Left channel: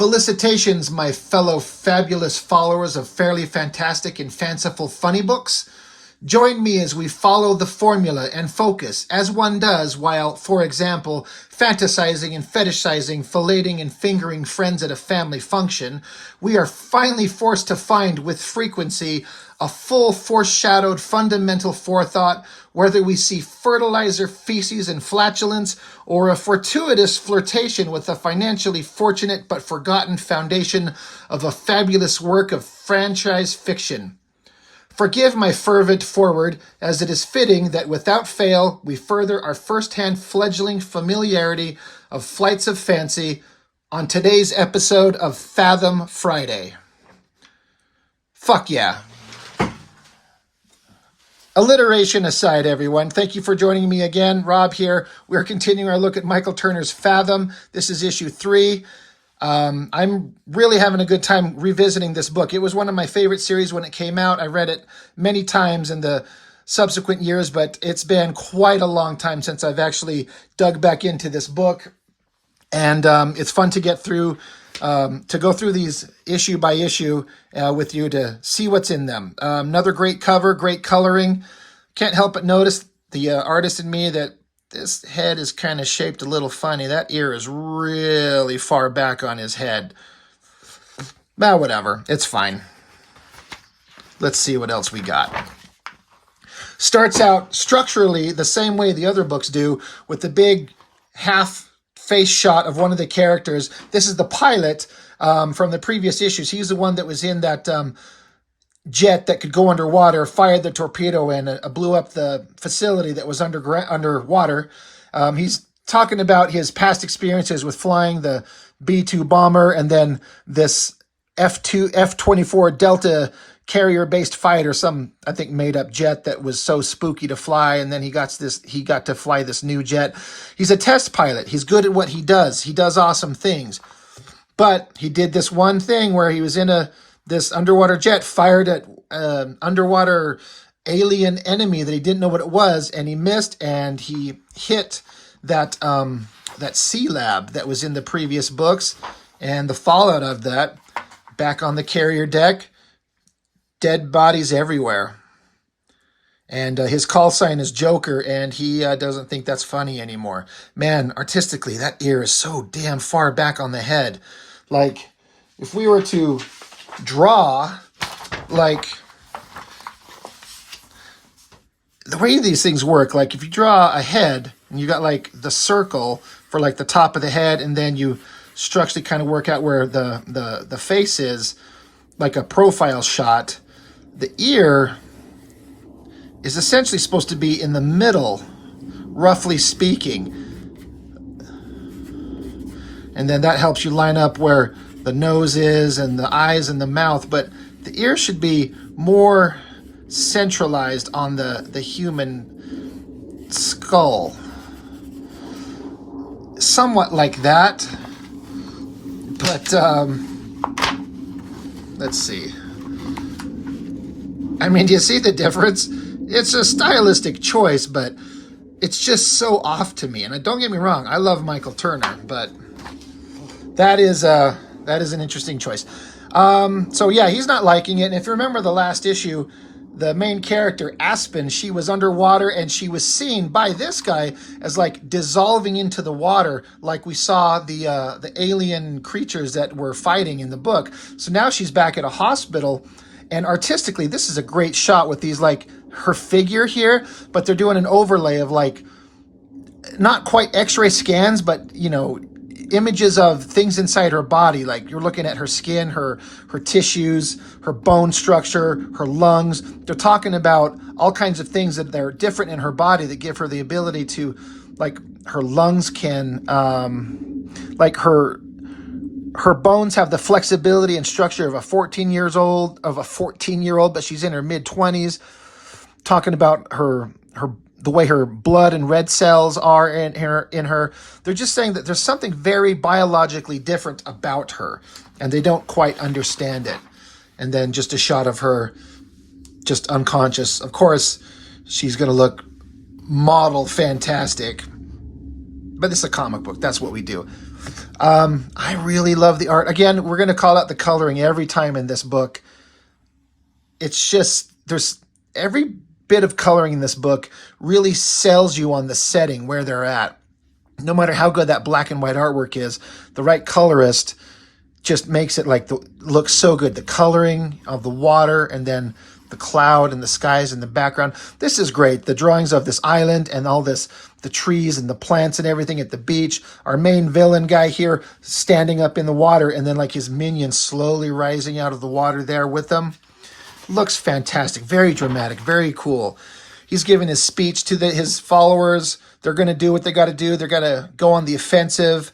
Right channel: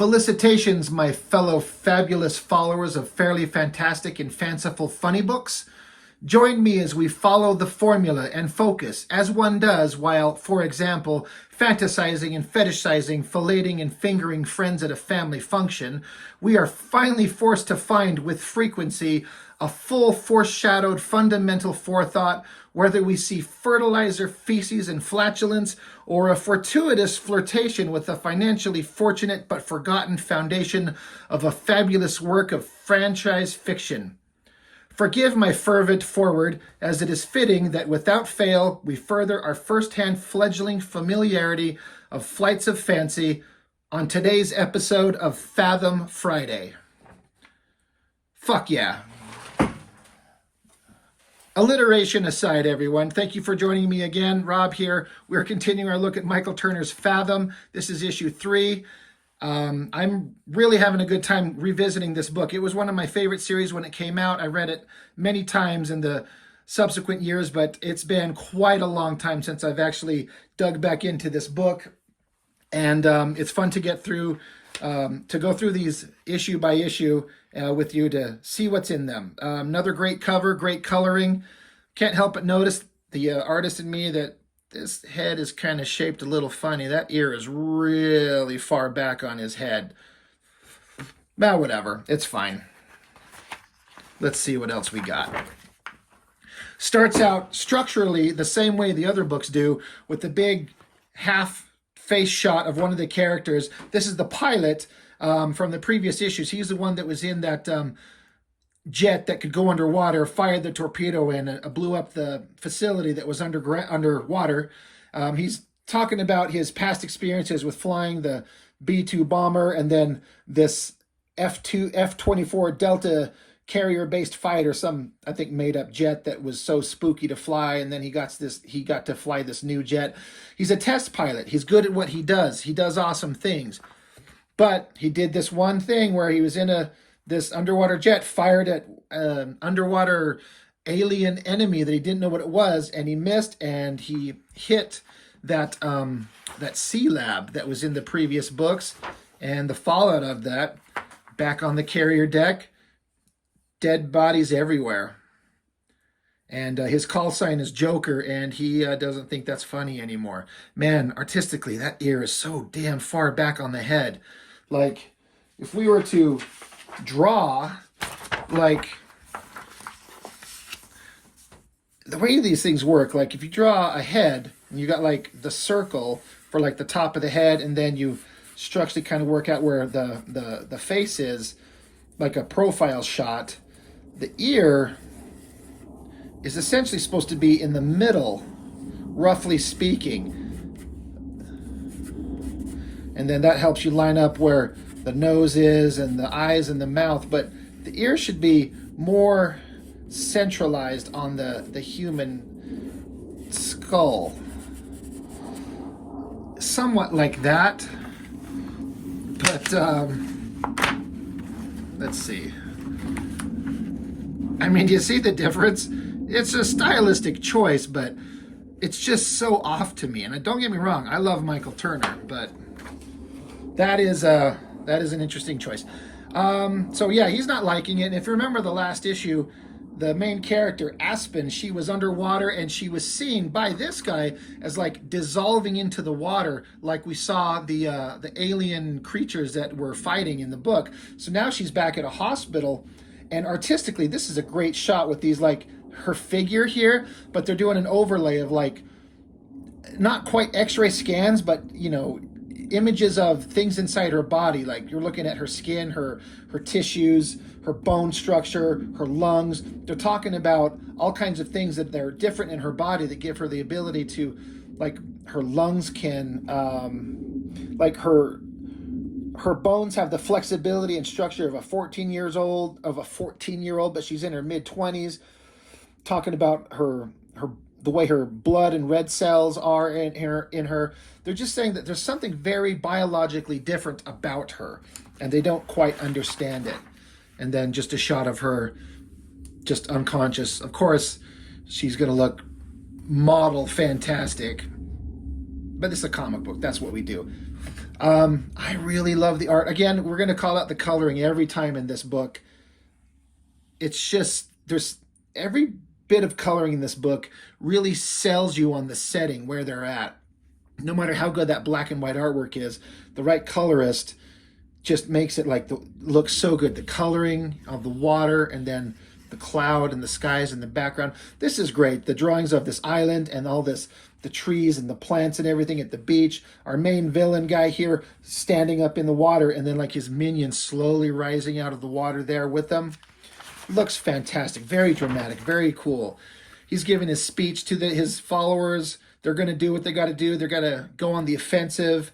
Felicitations, my fellow fabulous followers of fairly fantastic and fanciful funny books. Join me as we follow the formula and focus, as one does while, for example, fantasizing and fetishizing, filleting and fingering friends at a family function. We are finally forced to find with frequency a full foreshadowed fundamental forethought, whether we see fertilizer, feces, and flatulence, or a fortuitous flirtation with the financially fortunate but forgotten foundation of a fabulous work of franchise fiction. Forgive my fervent forward, as it is fitting that without fail we further our first-hand fledgling familiarity of flights of fancy on today's episode of Fathom Friday. Fuck yeah. Alliteration aside, everyone, thank you for joining me again. Rob here. We're continuing our look at Michael Turner's Fathom. This is issue 3. I'm really having a good time revisiting this book. It was one of my favorite series when it came out. I read it many times in the subsequent years, but it's been quite a long time since I've actually dug back into this book. And it's fun to get through, to go through these issue by issue with you to see what's in them. Another great cover, great coloring. Can't help but notice the artist in me that this head is kind of shaped a little funny. That ear is really far back on his head. Well, whatever. It's fine. Let's see what else we got. Starts out structurally the same way the other books do, with the big half face shot of one of the characters. This is the pilot from the previous issues. He's the one that was in that jet that could go underwater, fired the torpedo and blew up the facility that was underwater. He's talking about his past experiences with flying the B-2 bomber and then this F-24 Delta carrier-based fighter, some, I think, made-up jet that was so spooky to fly, and then he got to fly this new jet. He's a test pilot. He's good at what he does. He does awesome things. But he did this one thing where he was in this underwater jet, fired at underwater alien enemy that he didn't know what it was, and he missed, and he hit that sea lab that was in the previous books, and the fallout of that, back on the carrier deck, dead bodies everywhere. And his call sign is Joker, and he doesn't think that's funny anymore. Man, artistically, that ear is so damn far back on the head. Like, if we were to draw, like, the way these things work, like if you draw a head and you got like the circle for like the top of the head, and then you structurally kind of work out where the face is, like a profile shot, the ear is essentially supposed to be in the middle, roughly speaking. And then that helps you line up where the nose is and the eyes and the mouth, but the ear should be more centralized on the human skull. Somewhat like that, but let's see. I mean, do you see the difference? It's a stylistic choice, but it's just so off to me. And don't get me wrong, I love Michael Turner, but that is an interesting choice. So yeah, he's not liking it. And if you remember the last issue, the main character, Aspen, she was underwater and she was seen by this guy as like dissolving into the water, like we saw the alien creatures that were fighting in the book. So now she's back at a hospital, and artistically, this is a great shot with these, like, her figure here, but they're doing an overlay of, like, not quite x-ray scans, but, you know, images of things inside her body. Like, you're looking at her skin, her tissues, her bone structure, her lungs. They're talking about all kinds of things that are different in her body that give her the ability to, like, her lungs can, like, her bones have the flexibility and structure of a 14-year-old, but she's in her mid-20s. Talking about the way her blood and red cells are in her. They're just saying that there's something very biologically different about her, and they don't quite understand it. And then just a shot of her just unconscious. Of course, she's going to look model fantastic, but this is a comic book. That's what we do. I really love the art. Again, we're going to call out the coloring every time in this book. It's just, there's every bit of coloring in this book really sells you on the setting where they're at. No matter how good that black and white artwork is, the right colorist just makes it like look so good. The coloring of the water and then the cloud and the skies in the background. This is great. The drawings of this island and all this, the trees and the plants and everything at the beach. Our main villain guy here standing up in the water and then like his minions slowly rising out of the water there with them. Looks fantastic. Very dramatic. Very cool. He's giving his speech to his followers. They're going to do what they got to do. They're going to go on the offensive.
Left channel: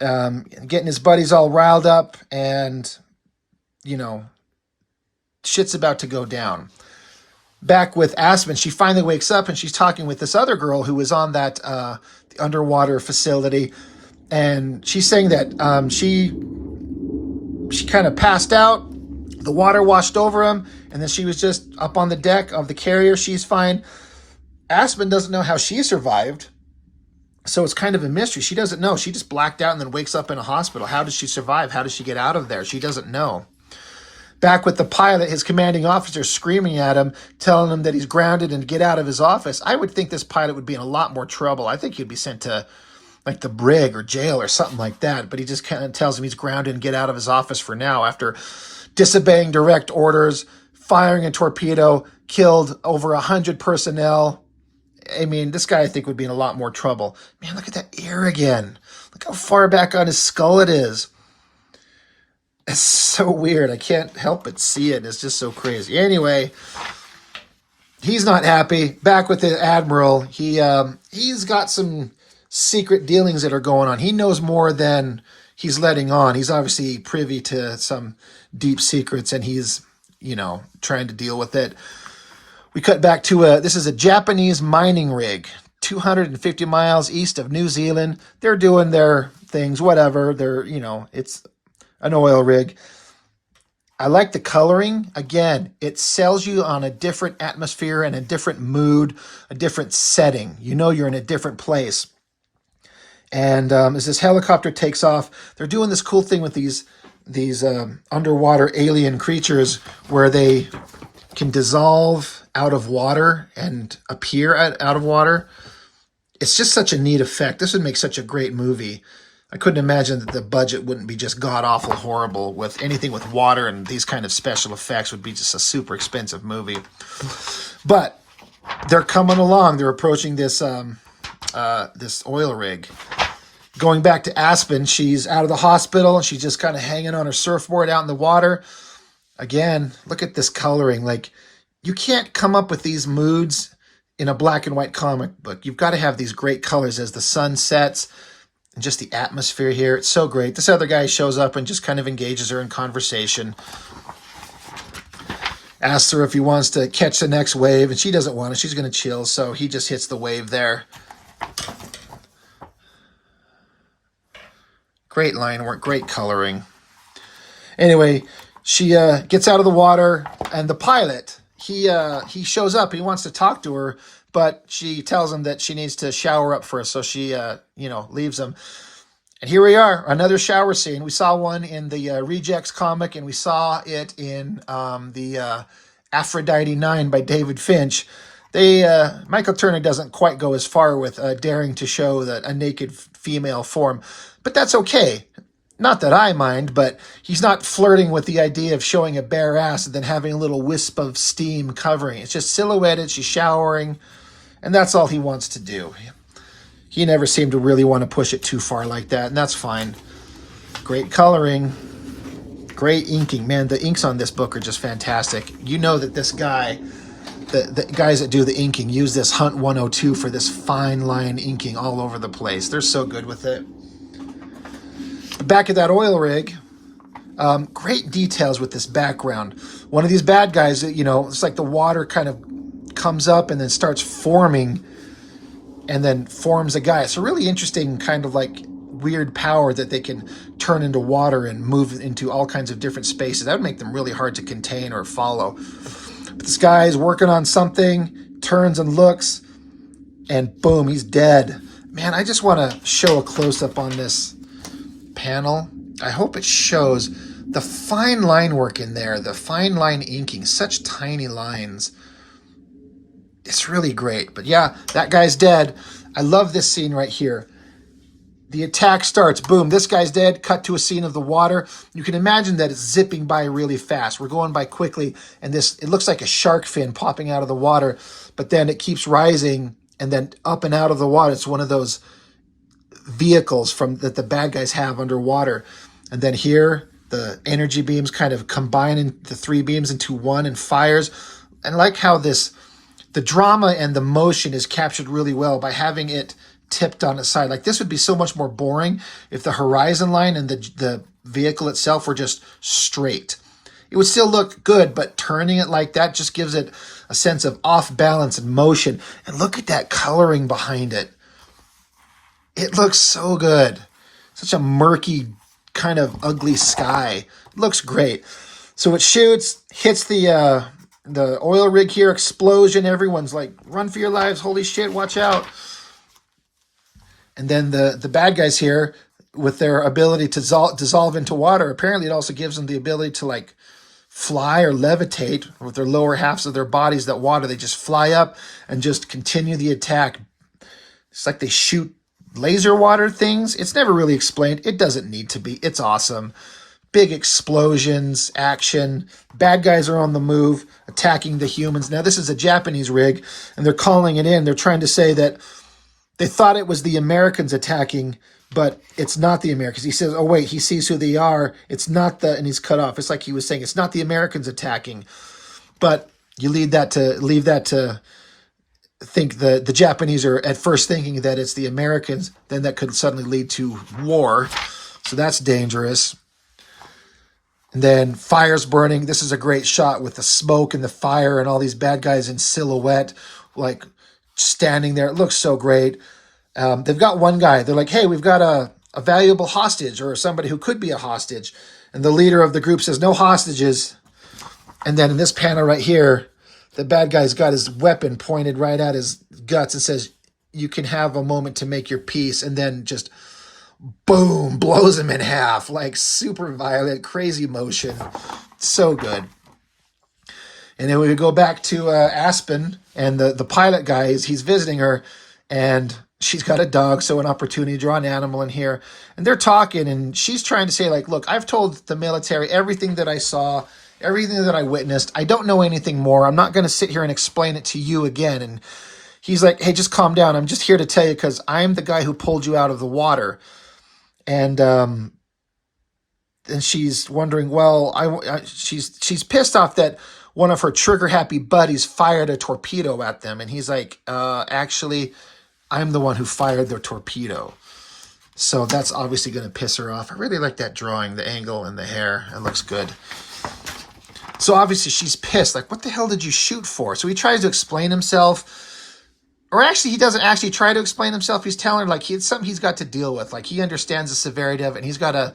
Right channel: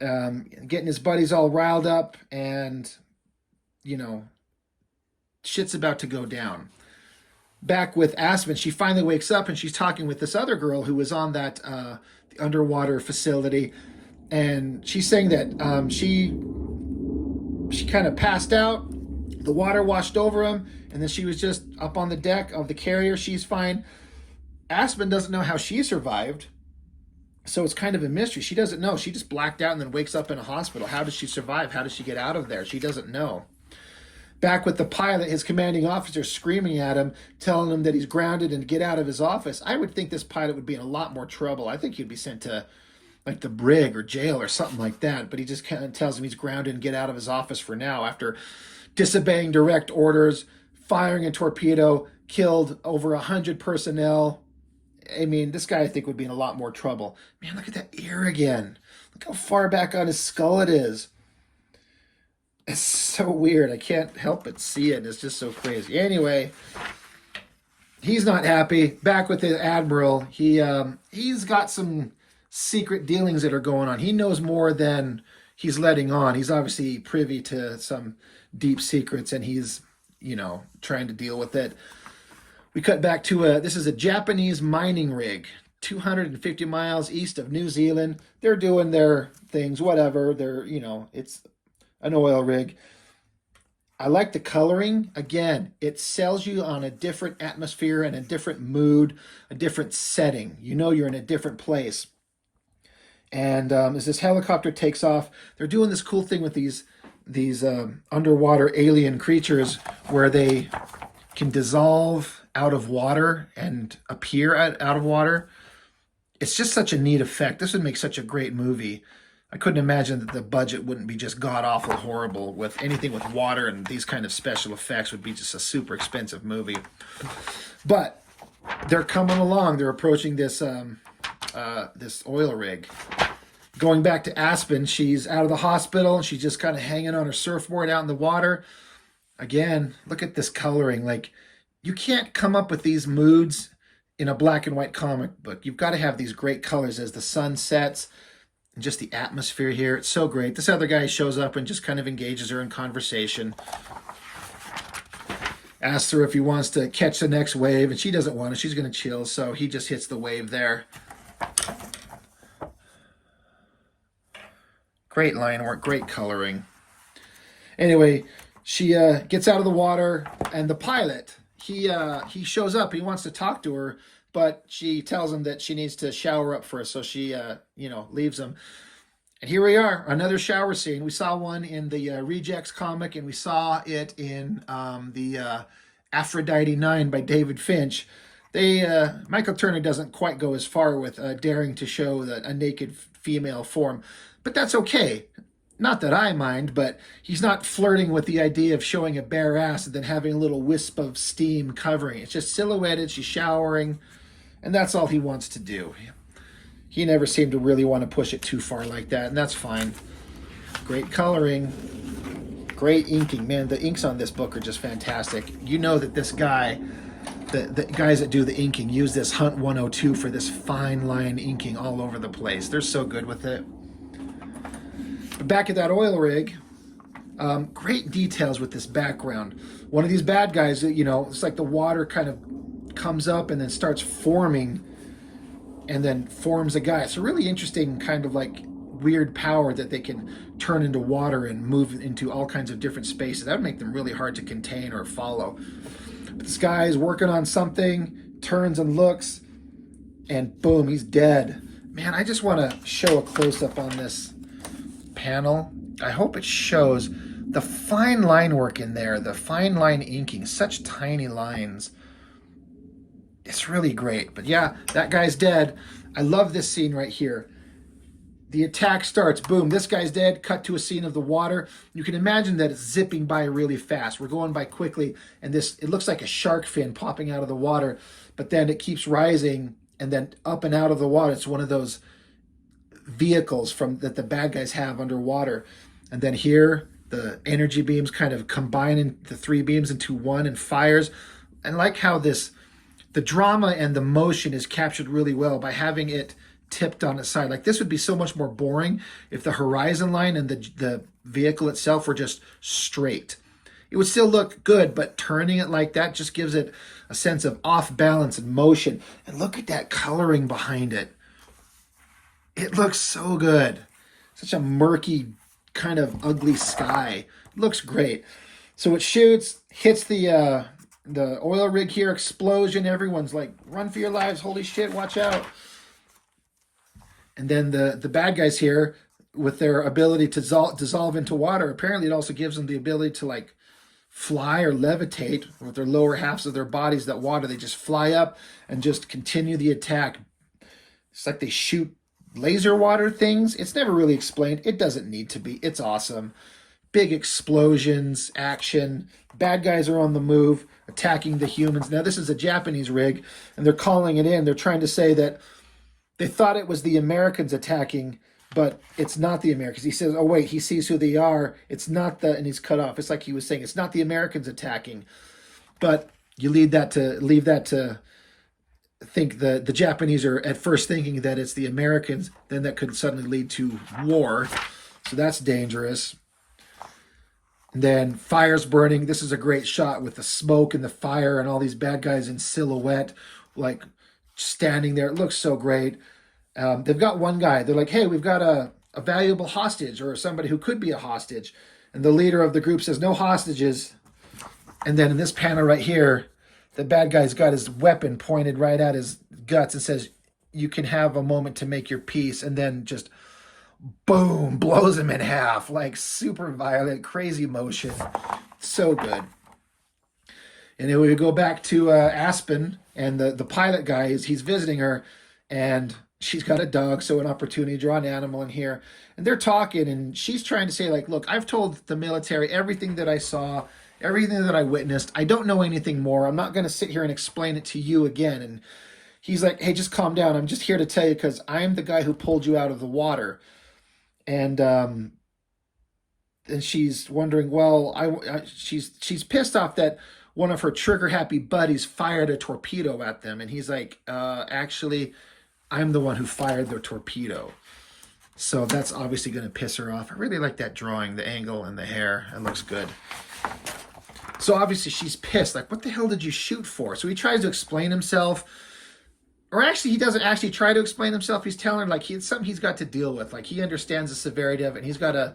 Getting his buddies all riled up, and shit's about to go down. Back with Aspen, she finally wakes up and she's talking with this other girl who was on that the underwater facility, and she's saying that she kind of passed out. The water washed over him, and then she was just up on the deck of the carrier. She's fine. Aspen doesn't know how she survived. So it's kind of a mystery. She doesn't know. She just blacked out and then wakes up in a hospital. How does she survive? How does she get out of there? She doesn't know. Back with the pilot, his commanding officer screaming at him, telling him that he's grounded and to get out of his office. I would think this pilot would be in a lot more trouble. I think he'd be sent to like the brig or jail or something like that. But he just kind of tells him he's grounded and get out of his office for now after disobeying direct orders, firing a torpedo, killed over 100 personnel. I mean, this guy I think would be in a lot more trouble. Man, look at that ear again. Look how far back on his skull it is. It's so weird. I can't help but see it. It's just so crazy. Anyway, he's not happy. Back with the Admiral. He's got some secret dealings that are going on. He knows more than he's letting on. He's obviously privy to some deep secrets, and he's, trying to deal with it. We cut back to this is a Japanese mining rig, 250 miles east of New Zealand. They're doing their things, whatever. It's an oil rig. I like the coloring. Again, it sells you on a different atmosphere and a different mood, a different setting. You're in a different place. And as this helicopter takes off, they're doing this cool thing with these underwater alien creatures where they can dissolve out of water and appear out of water. It's just such a neat effect. This would make such a great movie. I couldn't imagine that the budget wouldn't be just god-awful horrible with anything with water, and these kind of special effects would be just a super expensive movie. But they're coming along. They're approaching this this oil rig. Going back to Aspen, she's out of the hospital and she's just kind of hanging on her surfboard out in the water. Again, look at this coloring. Like, you can't come up with these moods in a black and white comic book. You've got to have these great colors as the sun sets and just the atmosphere here. It's so great. This other guy shows up and just kind of engages her in conversation. Asks her if he wants to catch the next wave, and she doesn't want it. She's going to chill, so he just hits the wave there. Great line work, great coloring. Anyway, she gets out of the water, and the pilot, he shows up. He wants to talk to her, but she tells him that she needs to shower up first, so she leaves him. And here we are, another shower scene. We saw one in the Rejects comic, and we saw it in the Aphrodite 9 by David Finch. Michael Turner doesn't quite go as far with daring to show a naked female form, but that's okay. Not that I mind, but he's not flirting with the idea of showing a bare ass and then having a little wisp of steam covering. It's just silhouetted, she's showering, and that's all he wants to do. He never seemed to really want to push it too far like that, and that's fine. Great coloring, great inking. Man, the inks on this book are just fantastic. You know that this guy, the guys that do the inking, use this Hunt 102 for this fine line inking all over the place. They're so good with it. Back at that oil rig, great details with this background. One of these bad guys, it's like the water kind of comes up and then starts forming and then forms a guy. It's a really interesting kind of like weird power that they can turn into water and move into all kinds of different spaces. That would make them really hard to contain or follow. But this guy is working on something, turns and looks, and boom, he's dead. Man, I just want to show a close-up on this panel. I hope it shows the fine line work in there, the fine line inking, such tiny lines. It's really great. But yeah, that guy's dead. I love this scene right here. The attack starts, boom, this guy's dead, cut to a scene of the water. You can imagine that it's zipping by really fast. We're going by quickly, and it looks like a shark fin popping out of the water, but then it keeps rising, and then up and out of the water. It's one of those vehicles that the bad guys have underwater. And then here, the energy beams kind of combine the 3 beams into one and fires. And I like how the drama and the motion is captured really well by having it tipped on its side. Like, this would be so much more boring if the horizon line and the vehicle itself were just straight. It would still look good, but turning it like that just gives it a sense of off balance and motion. And look at that coloring behind it. It looks so good. Such a murky, kind of ugly sky. It looks great. So it shoots, hits the oil rig here, explosion. Everyone's like, run for your lives. Holy shit, watch out. And then the bad guys here, with their ability to dissolve into water, apparently it also gives them the ability to like fly or levitate with their lower halves of their bodies. That water, they just fly up and just continue the attack. It's like they shoot laser water things. It's never really explained. It doesn't need to be. It's awesome. Big explosions, action. Bad guys are on the move, attacking the humans. Now, this is a Japanese rig, and they're calling it in. They're trying to say that they thought it was the Americans attacking, but it's not the Americans. He says, oh, wait, he sees who they are. It's not and he's cut off. It's like he was saying, it's not the Americans attacking. But you leave that to think the Japanese are at first thinking that it's the Americans. Then that could suddenly lead to war. So that's dangerous. And then fire's burning. This is a great shot with the smoke and the fire and all these bad guys in silhouette, like standing there. It looks so great. They've got one guy. They're like, hey, we've got a valuable hostage, or somebody who could be a hostage. And the leader of the group says, no hostages. And then in this panel right here, the bad guy's got his weapon pointed right at his guts and says, you can have a moment to make your peace. And then just boom, blows him in half. Like super violent, crazy motion. So good. And then we would go back to Aspen, and the pilot guy, he's visiting her, and she's got a dog, so an opportunity to draw an animal in here. And they're talking, and she's trying to say, like, look, I've told the military everything that I saw, everything that I witnessed. I don't know anything more. I'm not going to sit here and explain it to you again. And he's like, hey, just calm down. I'm just here to tell you because I'm the guy who pulled you out of the water. And she's wondering, well, she's pissed off that one of her trigger-happy buddies fired a torpedo at them. And he's like, actually, I'm the one who fired the torpedo. So that's obviously going to piss her off. I really like that drawing, the angle and the hair. It looks good. So obviously she's pissed. Like, what the hell did you shoot for? So he tries to explain himself. Or actually, he doesn't actually try to explain himself. He's telling her, like, it's something he's got to deal with. Like, he understands the severity of it, and he's going to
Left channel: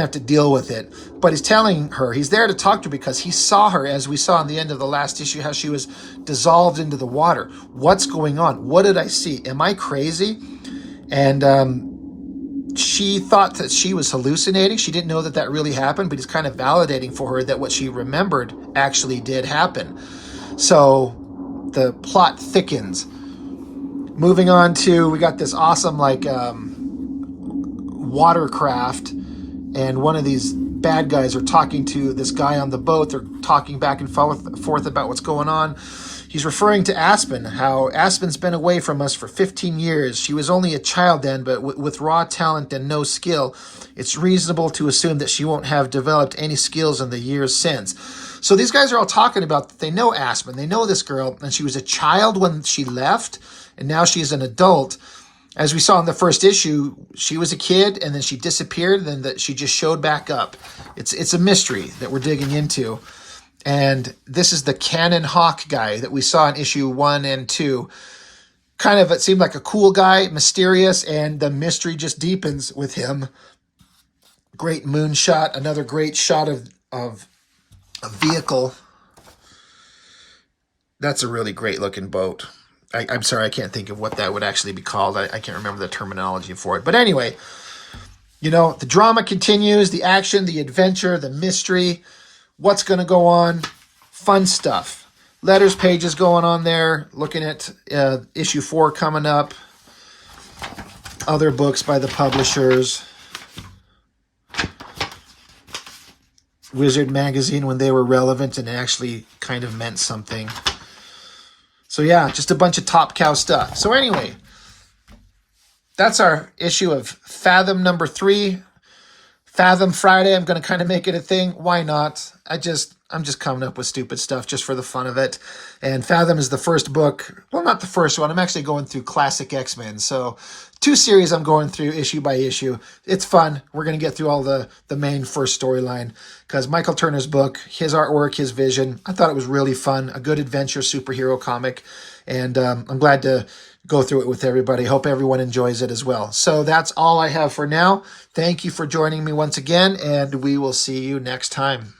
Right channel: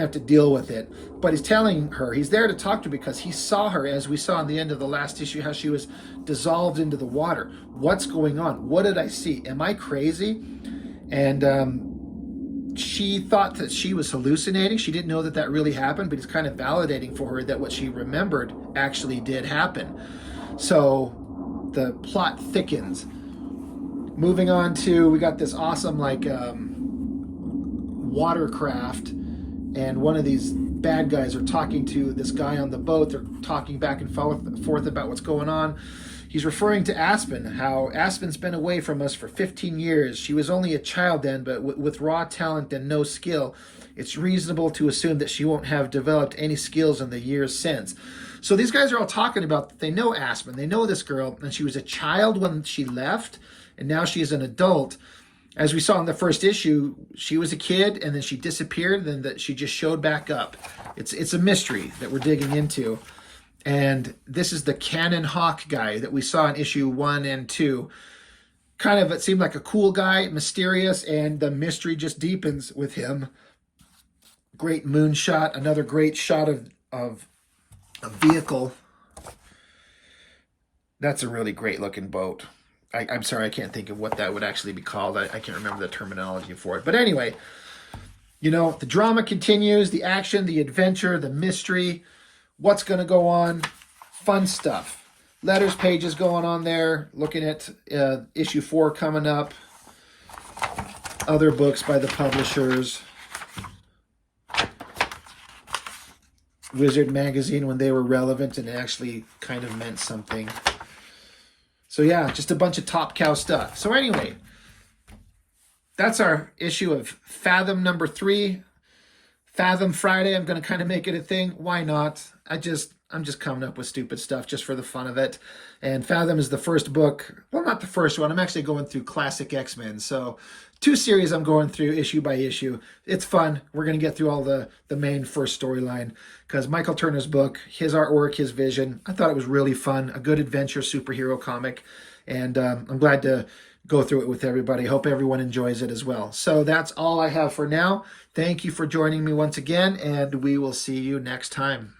have to deal with it. But he's telling her, he's there to talk to her because he saw her, as we saw in the end of the last issue, how she was dissolved into the water. What's going on? What did I see? Am I crazy? And she thought that she was hallucinating. She didn't know that really happened, but he's kind of validating for her that what she remembered actually did happen. So the plot thickens. Moving on to, we got this awesome, like, watercraft, and one of these bad guys are talking to this guy on the boat. They're talking back and forth about what's going on. He's referring to Aspen, how Aspen's been away from us for 15 years. She was only a child then, but with raw talent and no skill, it's reasonable to assume that she won't have developed any skills in the years since. So these guys are all talking about that they know Aspen. They know this girl, and she was a child when she left, and now she's an adult. As we saw in the first issue, she was a kid, and then she disappeared, and then that she just showed back up. It's a mystery that we're digging into. And this is the Cannon Hawk guy that we saw in issue 1 and 2. Kind of, it seemed like a cool guy, mysterious, and the mystery just deepens with him. Great moonshot, another great shot of a vehicle. That's a really great looking boat. I'm sorry, I can't think of what that would actually be called. I can't remember the terminology for it. But anyway, You know, the drama continues, the action, the adventure, the mystery, what's going to go on, fun stuff. Letters pages going on there, looking at issue 4 coming up, other books by the publishers, Wizard magazine when they were relevant and actually kind of meant something. So yeah, just a bunch of top cow stuff. So anyway, that's our issue of Fathom number 3. Fathom Friday, I'm going to kind of make it a thing. Why not? I'm just coming up with stupid stuff just for the fun of it. And Fathom is the first book. Well, not the first one. I'm actually going through Classic X-Men. So 2 series I'm going through issue by issue. It's fun. We're going to get through all the main first storyline because Michael Turner's book, his artwork, his vision, I thought it was really fun. A good adventure superhero comic. And I'm glad to go through it with everybody. Hope everyone enjoys it as well. So that's all I have for now. Thank you for joining me once again, and we will see you next time.